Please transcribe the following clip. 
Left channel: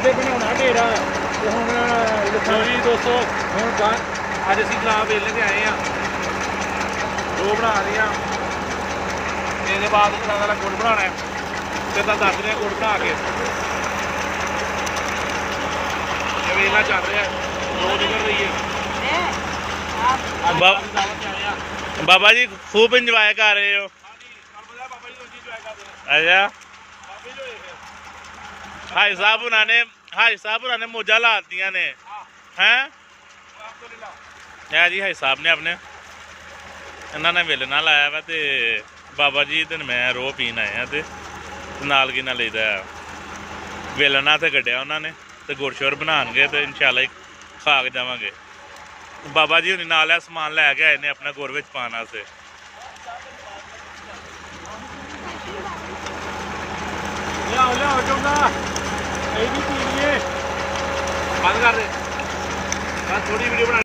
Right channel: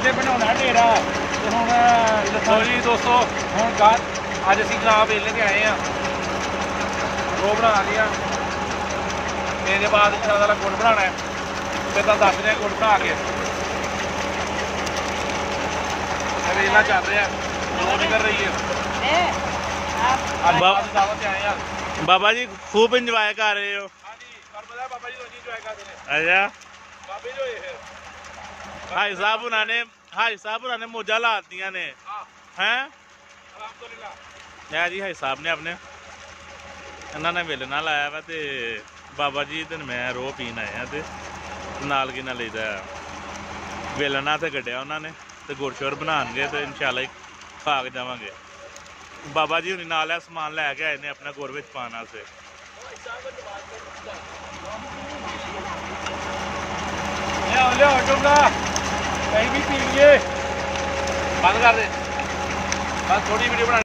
ਇੱਥੇ ਬਣਾਉਣਾ ਢੇਰਾ ਤੇ ਹੁਣ ਲੋ ਜੀ ਦੋਸਤੋ, ਹੁਣ ਬਾਹਰ ਅੱਜ ਅਸੀਂ ਗੁਲਾਬ ਵੇਲ ਕੇ ਆਏ ਆ। ਦੋ ਬਣਾ ਲਿਆ। ਇਹਦੇ ਬਾਅਦ ਇਹਨਾਂ ਦਾ ਗੁੜ ਬਣਾਉਣਾ ਹੈ। ਫਿਰ ਤਾਂ ਦੱਸ ਰਿਹਾ ਗੁੜ ਬਣਾ ਕੇ ਵੇਲਾ ਚੱਲ ਰਿਹਾ, ਦੋ ਨਿਕਲ ਰਹੀ ਹੈ। ਦਾਵਤ ਤੇ ਆਏ ਆ। बाबा जी खूब इंजॉय कर रहे हो। ਹਾਂਜੀ, ਤੁਹਾਨੂੰ ਪਤਾ ਬਾਬਾ ਜੀ ਰੋਟੀ ਇੰਜੋਏ ਕਰਦੇ ਨੇ। अच्छा ਬਾਬੇ ਜੋ ਇਹ हाई साहब उन्होंने मौजा ला दिया ने हैं। ਅਲਹਮਦੁਲਿਲਾ। जी हाई साहब ने अपने इन्होंने वेलना लाया वा ते बाबा जी ते मैं रोह पीन आए हैं ते नाल की ना लेदा वेलना ते कड्ढिया उन्होंने ते गुड़ शुड़ बनाएंगे तो इंशाल्लाह खा के जावांगे। बाबा जी हुणी नाल समान लैके आए ने अपना गुड़ विच पाने वास्ते। ਲਿਆ ਚੁੱਲਾ ਕਈ ਵੀ ਪੀ ਲਈਏ। ਬੰਦ ਕਰ ਦੇ, ਬਸ ਥੋੜੀ ਵੀਡੀਓ ਬਣਾ।